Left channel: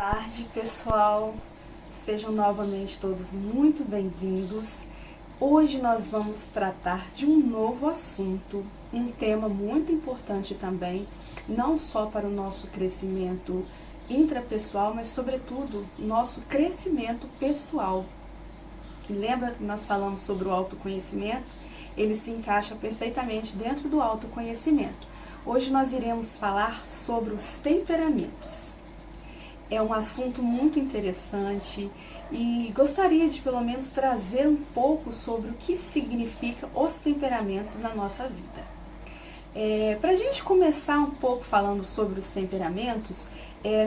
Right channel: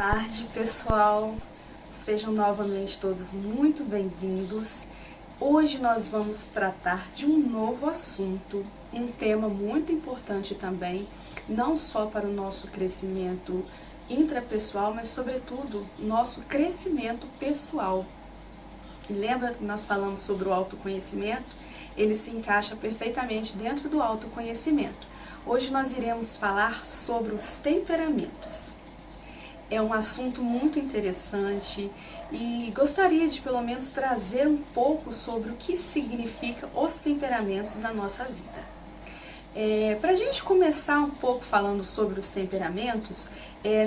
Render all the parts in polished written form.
Boa tarde, pessoal. Sejam novamente todos muito bem-vindos. Hoje nós vamos tratar de um novo assunto, um tema muito importante também, não só para o nosso crescimento intrapessoal, mas sobretudo nosso crescimento pessoal. Que lembra que nós falamos sobre o autoconhecimento? Ele se encaixa perfeitamente dentro do autoconhecimento. Hoje nós iremos falar sobre os temperamentos. É um assunto muito interessante e gostaria de pelo menos trazer um pouco sobre o que significa os temperamentos na nossa vida. Para a gente começar um pouco falando sobre os temperamentos,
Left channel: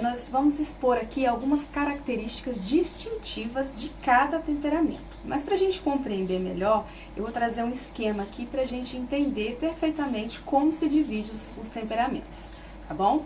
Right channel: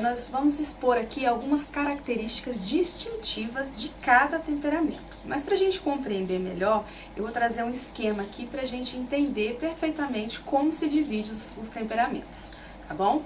nós vamos expor aqui algumas características distintivas de cada temperamento. Mas para a gente compreender melhor, eu vou trazer um esquema aqui para a gente entender perfeitamente como se divide os temperamentos, tá bom?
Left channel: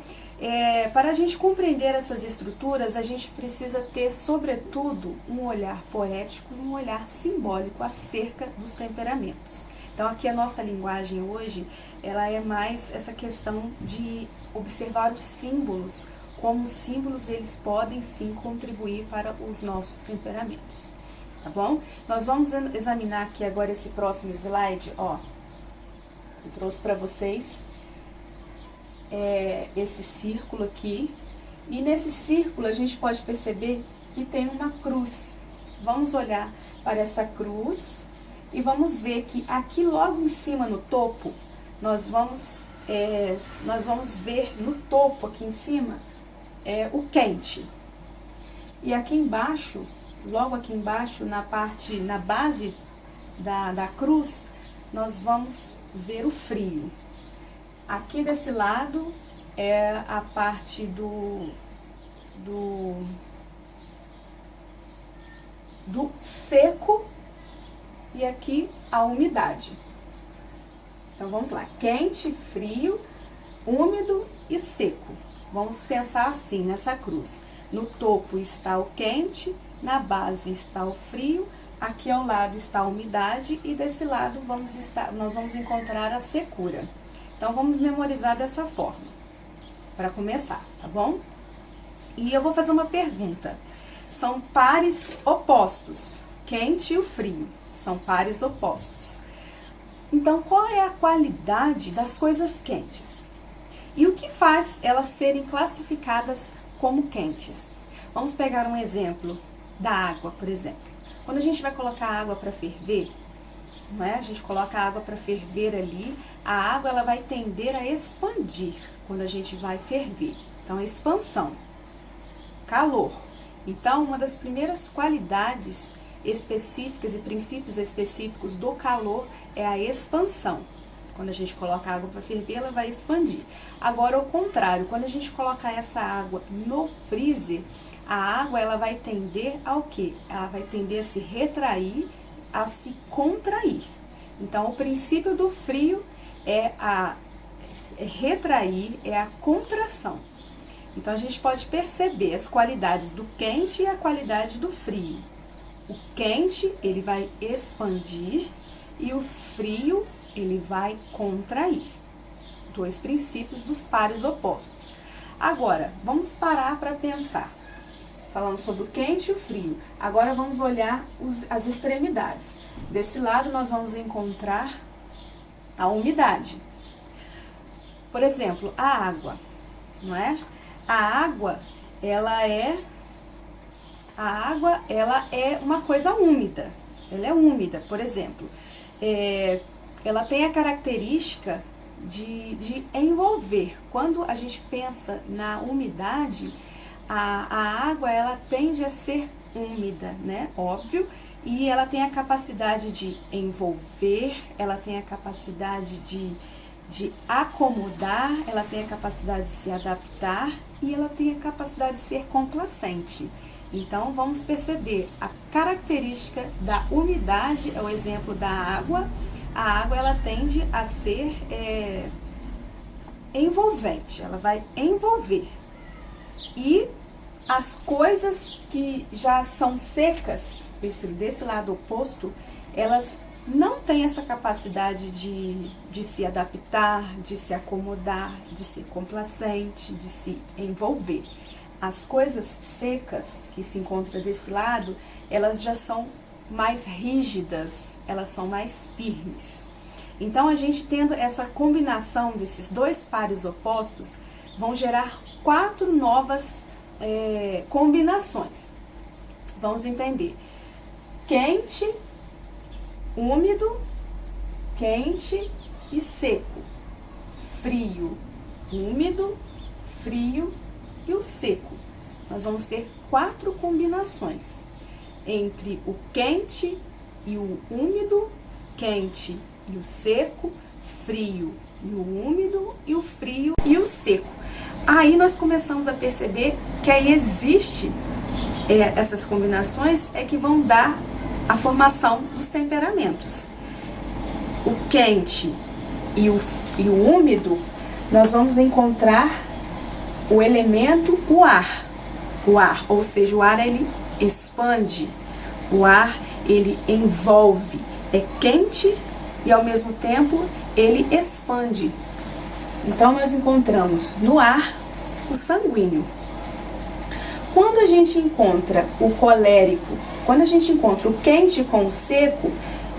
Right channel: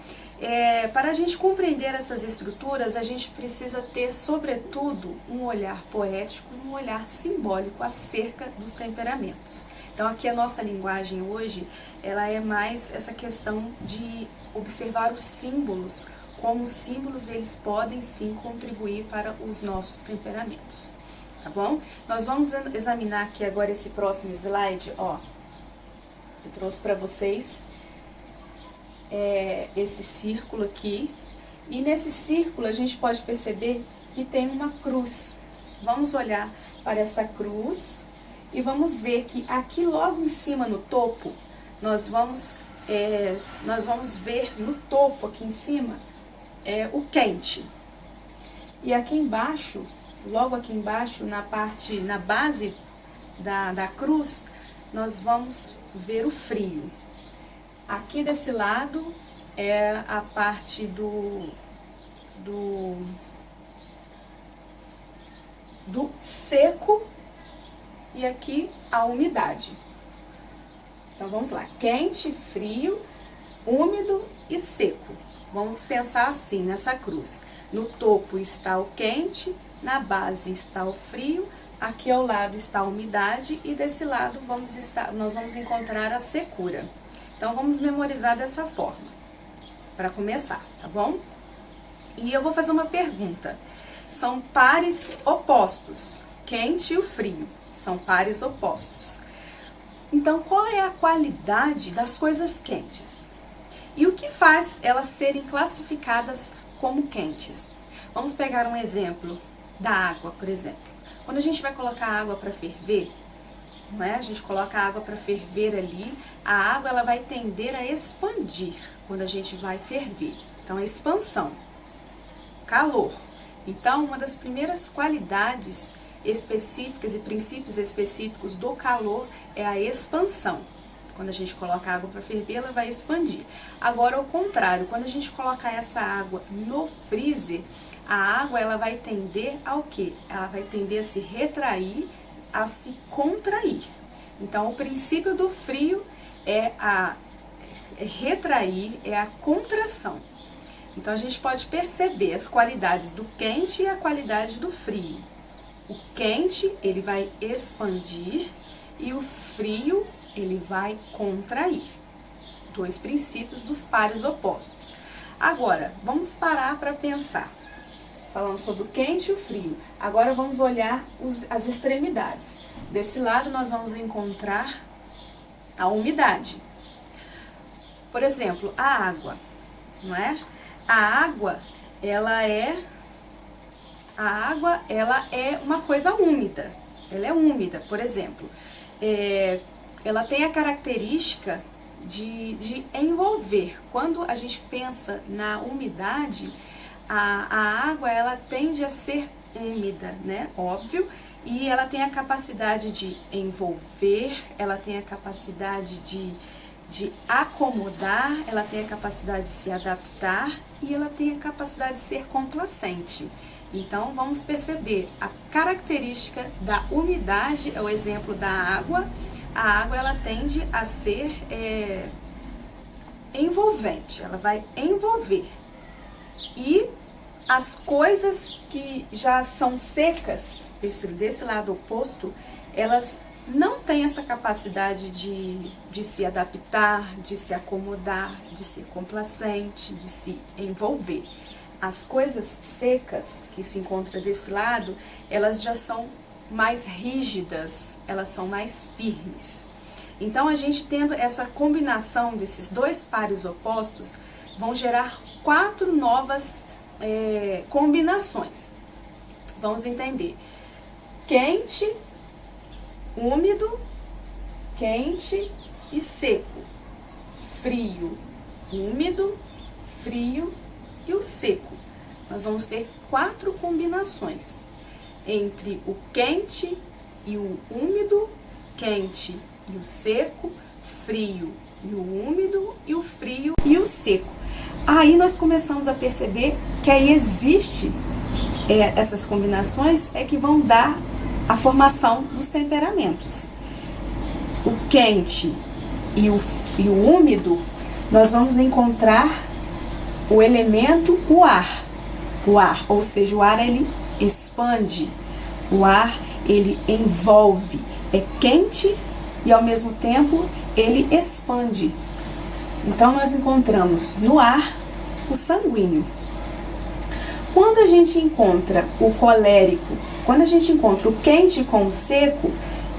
Para a gente compreender essas estruturas, a gente precisa ter, sobretudo, um olhar poético e um olhar simbólico acerca dos temperamentos. Então, aqui a nossa linguagem hoje, ela é mais essa questão de observar os símbolos, como os símbolos eles podem sim contribuir para os nossos temperamentos, tá bom? Nós vamos examinar aqui agora esse próximo slide, ó. Eu trouxe para vocês esse círculo aqui, e nesse círculo a gente pode perceber que tem uma cruz. Vamos olhar para essa cruz e vamos ver que aqui logo em cima no topo, nós vamos ver no topo aqui em cima o quente. E aqui embaixo, logo aqui embaixo, na base da cruz, nós vamos ver o frio. Aqui desse lado é a parte do seco e aqui a umidade. Então vamos lá, quente, frio, úmido e seco. Vamos pensar assim nessa cruz. No topo está o quente, na base está o frio, aqui ao lado está a umidade e desse lado nós vamos encontrar a secura. Então, vamos memorizar dessa forma, para começar, tá bom? E eu vou fazer uma pergunta. São pares opostos, quente e o frio, são pares opostos. Então, qual é a qualidade das coisas quentes? E o que faz elas serem classificadas como quentes? Vamos pegar um exemplo da água, por exemplo. Quando a gente vai colocar água para ferver, não é? A gente coloca a água para ferver ali, a água ela vai tender a expandir quando a gente vai ferver. Então, a expansão, calor. Então, uma das primeiras qualidades específicas e princípios específicos do calor é a expansão. Quando a gente coloca a água para ferver, ela vai expandir. Agora, ao contrário, quando a gente coloca essa água no freezer, a água ela vai tender ao quê? Ela vai tender a se retrair, a se contrair. Então, o princípio do frio é retrair, é a contração. Então, a gente pode perceber as qualidades do quente e a qualidade do frio. O quente, ele vai expandir e o frio, ele vai contrair. Dois princípios dos pares opostos. Agora, vamos parar para pensar. Falando sobre o quente e o frio. Agora vamos olhar as extremidades. Desse lado nós vamos encontrar a umidade. Por exemplo, a água, não é? A água, ela é uma coisa úmida. Ela é úmida, por exemplo. Ela tem a característica de envolver. Quando a gente pensa na umidade, a água ela tende a ser úmida, né? Óbvio, e ela tem a capacidade de envolver, ela tem a capacidade de acomodar, ela tem a capacidade de se adaptar e ela tem a capacidade de ser complacente. Então, vamos perceber a característica da umidade, é o exemplo da água. A água ela tende a ser envolvente, ela vai envolver. E as coisas que já são secas, desse lado oposto, elas não têm essa capacidade de se adaptar, de se acomodar, de ser complacente, de se envolver. As coisas secas que se encontram desse lado, elas já são mais rígidas, elas são mais firmes. Então, a gente tendo essa combinação desses dois pares opostos, vão gerar 4 novas combinações. Vamos entender. Quente, úmido, quente e seco. Frio, úmido, frio e o seco. Nós vamos ter 4 combinações entre o quente e o úmido, quente e o seco, frio e o úmido e o frio e o seco. Aí nós começamos a perceber que aí existe essas combinações que vão dar a formação dos temperamentos. O quente e o úmido, nós vamos encontrar o elemento o ar, ou seja, o ar ele expande, o ar ele envolve, é quente e ao mesmo tempo ele expande. Então nós encontramos no ar o sanguíneo. Quando a gente encontra o colérico, quando a gente encontra o quente com o seco,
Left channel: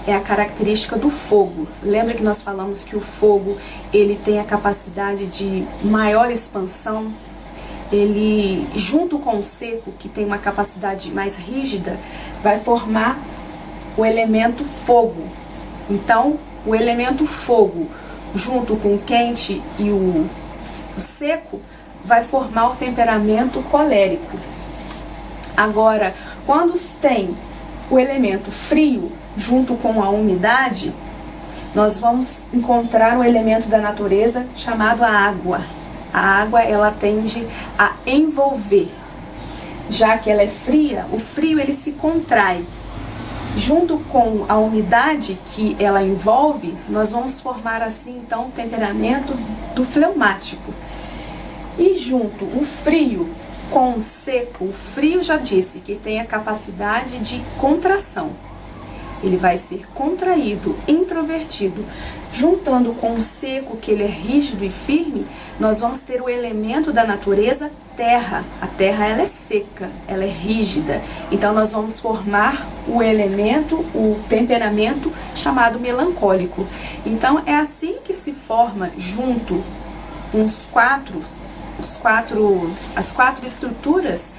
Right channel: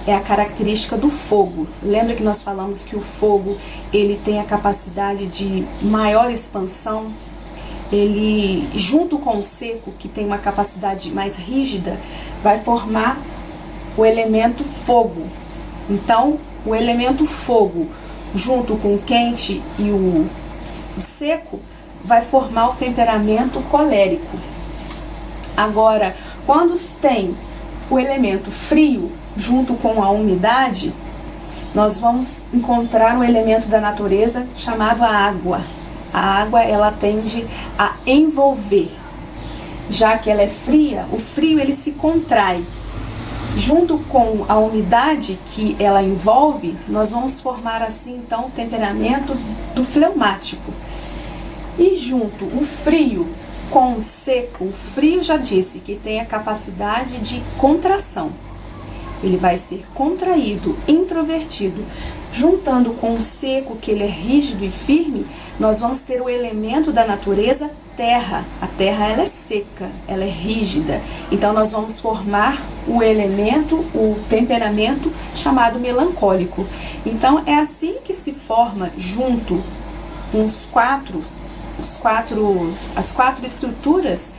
é a característica do fogo. Lembra que nós falamos que o fogo ele tem a capacidade de maior expansão? Ele, junto com o seco, que tem uma capacidade mais rígida, vai formar o elemento fogo. Então, o elemento fogo, junto com o quente e o seco, vai formar o temperamento colérico. Agora, quando se tem o elemento frio junto com a umidade, nós vamos encontrar um elemento da natureza chamado a água. A água, ela tende a envolver. Já que ela é fria, o frio ele se contrai. Junto com a umidade que ela envolve, nós vamos formar assim então o temperamento do fleumático. E junto o frio com o seco, o frio já disse que tem a capacidade de contração. Ele vai ser contraído, introvertido. Juntando com o seco, que ele é rígido e firme, nós vamos ter o elemento da natureza terra. A terra ela é seca, ela é rígida. Então nós vamos formar o elemento, o temperamento chamado melancólico. Então é assim que se forma junto com as quatro estruturas,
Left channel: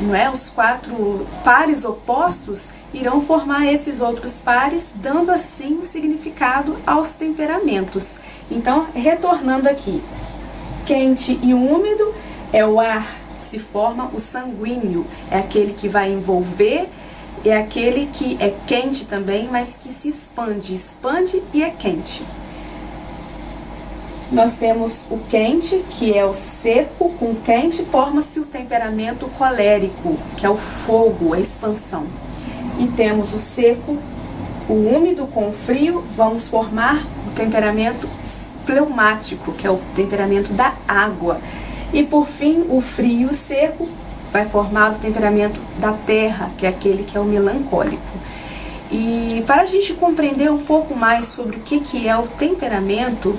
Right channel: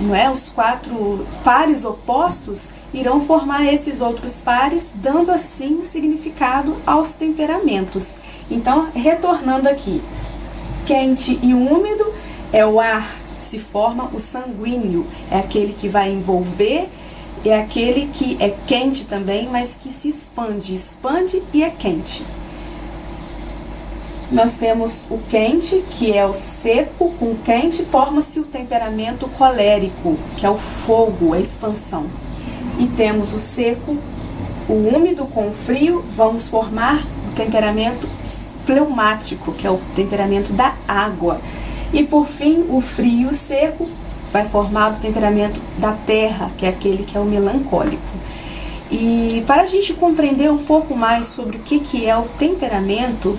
não é? Os 4 pares opostos irão formar esses outros pares, dando assim um significado aos temperamentos. Então, retornando aqui, quente e úmido é o ar, se forma o sanguíneo, é aquele que vai envolver, é aquele que é quente também, mas que se expande e é quente. Nós temos o quente, que é o seco, com o quente forma-se o temperamento colérico, que é o fogo, a expansão. E temos o seco, o úmido com o frio, vamos formar o temperamento fleumático, que é o temperamento da água. E por fim, o frio e o seco vai formar o temperamento da terra, que é aquele que é o melancólico. E para a gente compreender um pouco mais sobre o que é o temperamento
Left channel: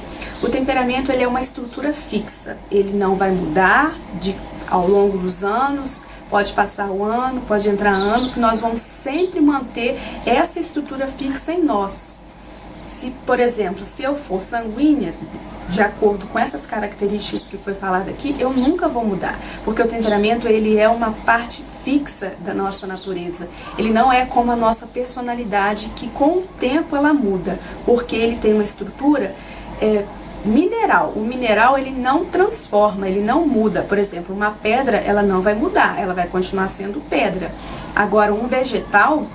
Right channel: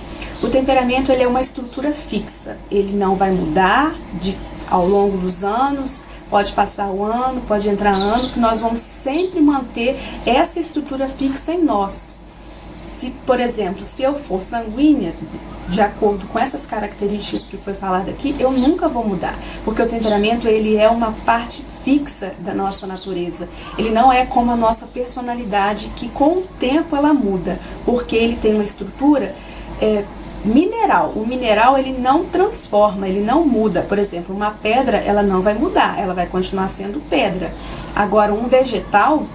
ele é uma estrutura fixa. Ele não vai mudar ao longo dos anos, pode passar o ano, pode entrar ano, que nós vamos sempre manter essa estrutura fixa em nós. Se, por exemplo, se eu for sanguínea, de acordo com essas características que foi falado aqui, eu nunca vou mudar, porque o temperamento ele é uma parte fixa da nossa natureza. Ele não é como a nossa personalidade, que com o tempo ela muda, porque ele tem uma estrutura mineral. O mineral ele não transforma, ele não muda. Por exemplo, uma pedra ela não vai mudar, ela vai continuar sendo pedra. Agora, um vegetal,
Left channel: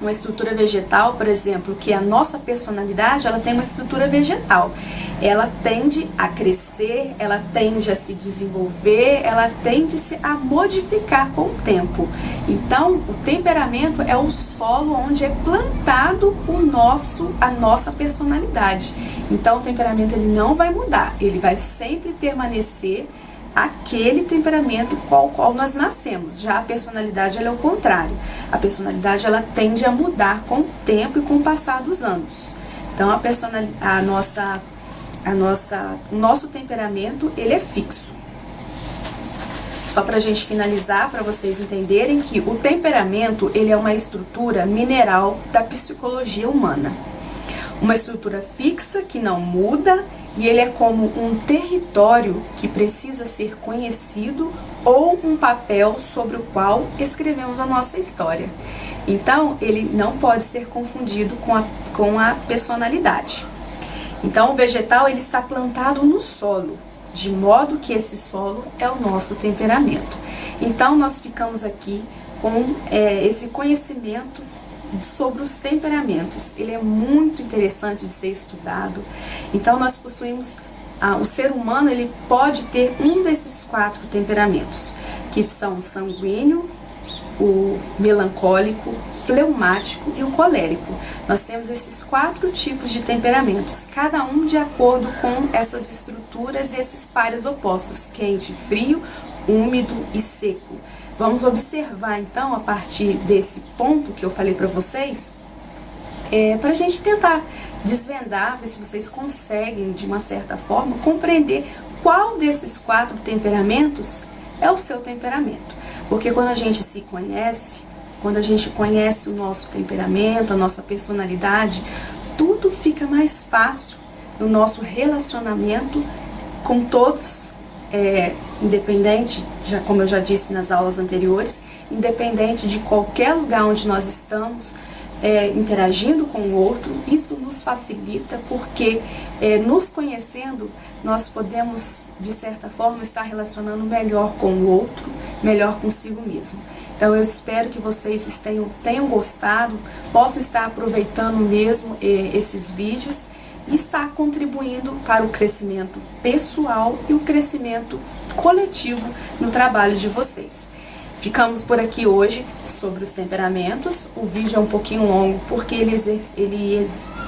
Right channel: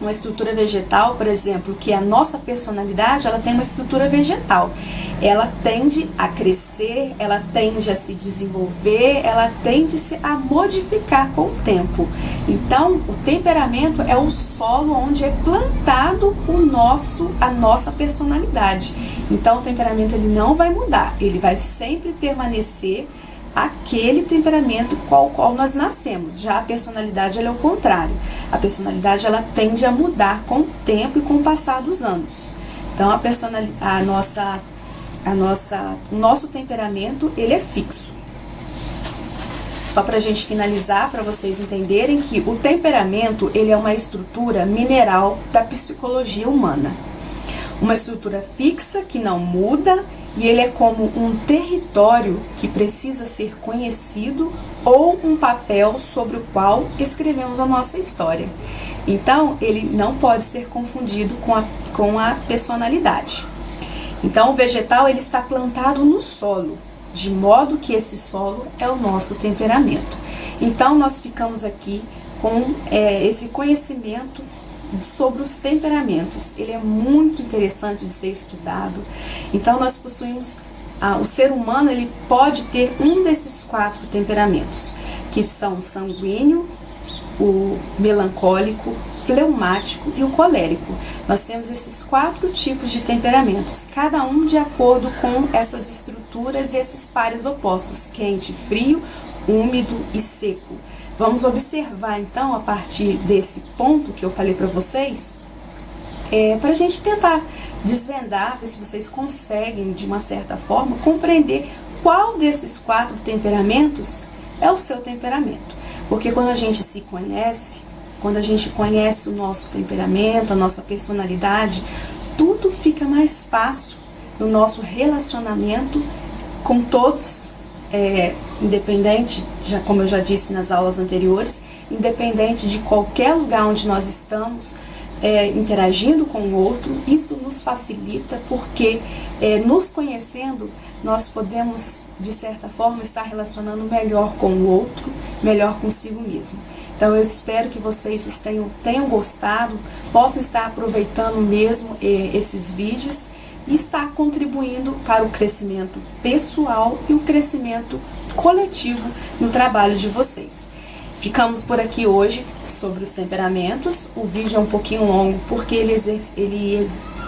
uma estrutura vegetal, por exemplo, que a nossa personalidade, ela tem uma estrutura vegetal. Ela tende a crescer, ela tende a se desenvolver, ela tende a modificar com o tempo. Então, o temperamento é o solo onde é plantado a nossa personalidade. Então, o temperamento ele não vai mudar, ele vai sempre permanecer aquele temperamento com o qual nós nascemos. Já a personalidade ela é o contrário. A personalidade ela tende a mudar com o tempo e com o passar dos anos. Então o nosso temperamento ele é fixo. Só para a gente finalizar, para vocês entenderem que o temperamento ele é uma estrutura mineral da psicologia humana. Uma estrutura fixa que não muda e ele é como um território que precisa ser conhecido ou um papel sobre o qual escrevemos a nossa história. Então, ele não pode ser confundido com a personalidade. Então, o vegetal ele está plantado no solo, de modo que esse solo é o nosso temperamento. Então, nós ficamos aqui com esse conhecimento sobre os temperamentos. Ele é muito interessante de ser estudado. Então, nós possuímos, o ser humano ele pode ter um desses 4 temperamentos, que são o sanguíneo, o melancólico, fleumático e o colérico. Nós temos esses 4 tipos de temperamentos, cada um de acordo com essas estruturas e esses pares opostos, quente, frio, úmido e seco. Vamos observar então, a partir desse ponto que eu falei para vocês, para a gente tentar desvendar, ver se vocês conseguem, de uma certa forma, compreender qual desses 4 temperamentos é o seu temperamento. Porque quando a gente se conhece, quando a gente conhece o nosso temperamento, a nossa personalidade, tudo fica mais fácil no nosso relacionamento com todos, independente, como eu já disse nas aulas anteriores, independente de qualquer lugar onde nós estamos, interagindo com o outro, isso nos facilita porque nos conhecendo, nós podemos, de certa forma, estar relacionando melhor com o outro, melhor consigo mesmo. Então, eu espero que vocês tenham gostado, possam estar aproveitando mesmo esses vídeos e estar contribuindo para o crescimento pessoal e o crescimento coletivo no trabalho de vocês. Ficamos por aqui hoje sobre os temperamentos. O vídeo é um pouquinho longo porque ele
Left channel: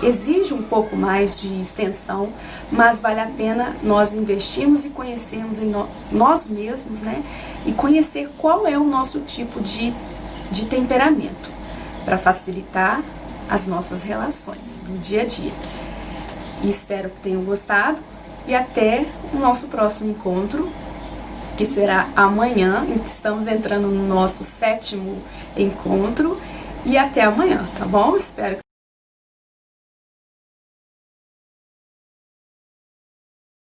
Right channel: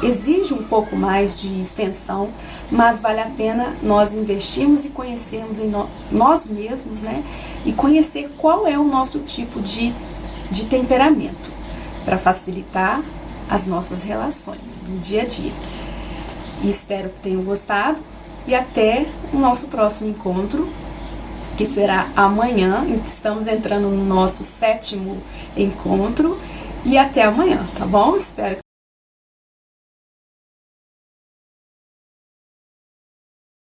exige um pouco mais de extensão, mas vale a pena nós investirmos e conhecermos em nós mesmos, né? E conhecer qual é o nosso tipo de temperamento, para facilitar as nossas relações no dia a dia. E espero que tenham gostado e até o nosso próximo encontro, que será amanhã. Estamos entrando no nosso 7º encontro e até amanhã, tá bom? Espero